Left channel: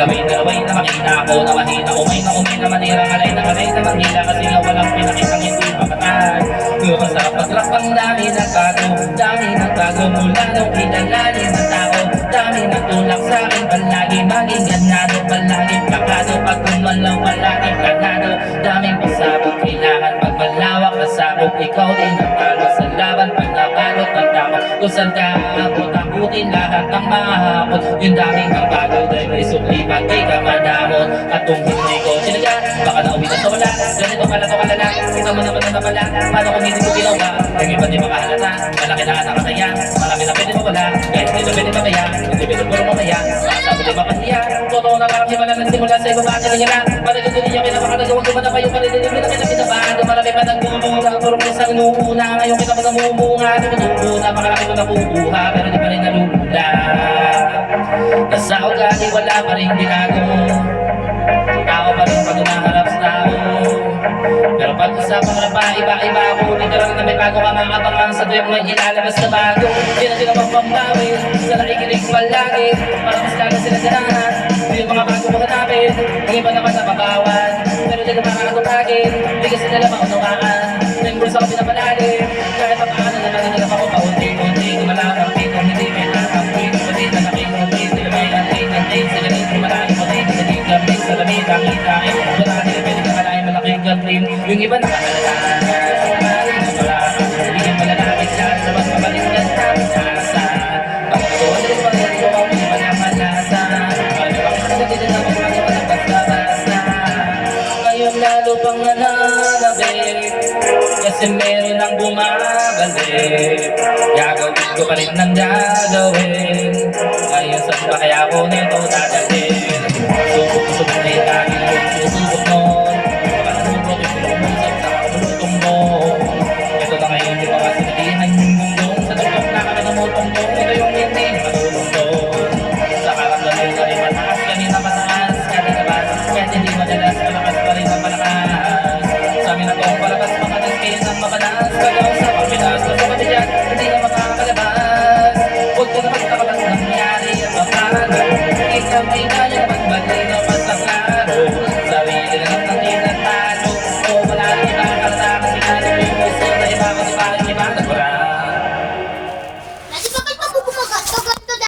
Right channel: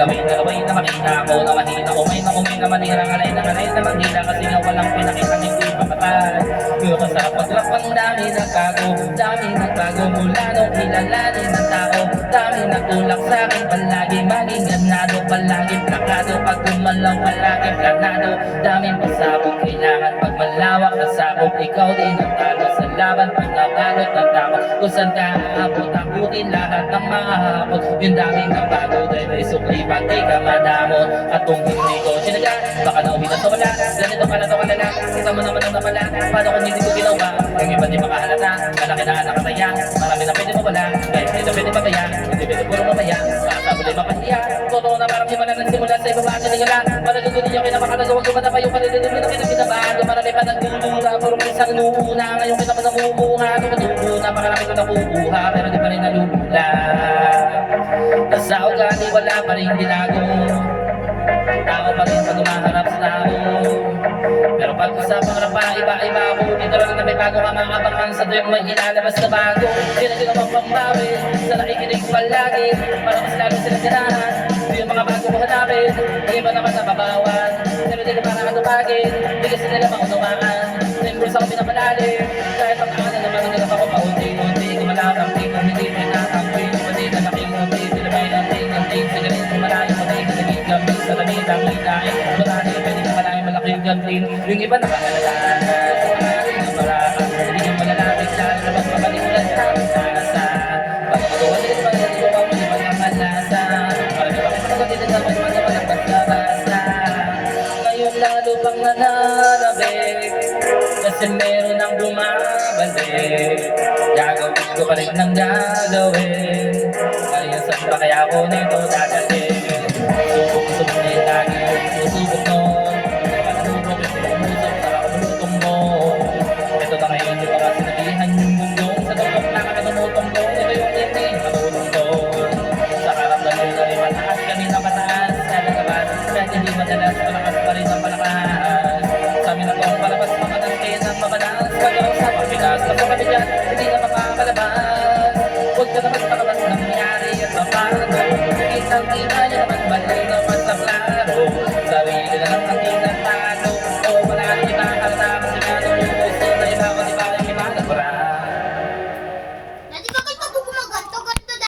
Galaway na makita ako na mahina. Umay na manira, alay na manila. Kasi na walang pinakitang hindi mapatay. Pero sa paglakbang dami nagbago mula nung kilalanin ng tao. Dami nagtulak sa'kin palagi, maging ganado, palagi plakado. Pag gumalaw palaging ganado, daming pasabog, kailangan magmalawak na sakop. Ikaw din ang talo sa laban, pag nabalot ng takot. Kung saan ka aabot, akutin lahat ng mahapot. Yung daming nagbago, dahil may sukli, pati ka madamot. At kung hindi ko sinaga, baka nauwi na sa wala. Ganito pala to kalala, ikaw mo naman ang napala. Paano kung hindi ko ginawa? Yung iba di makahalata, malaki na nakataya. Marami na pwede mawala, kahit hindi na pwede mamaya. Hindi pwede puro mamaya, masasabi di mapahiya. Totoo na parang himala nagsimula sa ibaba niya nila. Maragod din yung kinamakagawag ko na pa yung parinig nila pinapinabahan. Marami pa nagmumura, puro isang nuuna. Ngayon kita pa namumunga, nagmumuna. Pakalaki ko napubuha, pero di pa rin nalulula. Nasa ugali wala pa rin binago. Tao pa rin pag umaharap sa tao. Pero pag usapan mo na pa, iba-iba ako. Literal na may bago ka nga abangan sa tuwing may ilalabas na bago. Di na sila magpambawi, sa nakikinig palagi. Para mas lalo sila ganahan, di yung mga bago ko hanapin. Yung iba naman na babawan, pero di naman kakatupagin. Di kasi nila maunawaan, yung bursa ko pinapalagi. Kahit pag-aano naman nila ako paunti-unti. Gumalang pito, hindi pinakangpin. Pati na nakinunti, sila may anting-anting. Sila rin kumalayo mo rin, kasi yung gambling sa lamig, langit-langit. Marami rin pwede kakalain malaking gambling. Yung iba nakakalala, sa maring na parang hindi ka malalapit sa mas mabalik na tasa. Pagkakawalit pa rin ko ang iba na malasa. Marami pa rin nakatid na magmagawa ng basta-basta. Ngayon lalo pang nananabik, kasi meron ang bumabalik. Gagawin ko pa rin ng gagawin. Ngayon saan pa kaya ko nito dadalhin?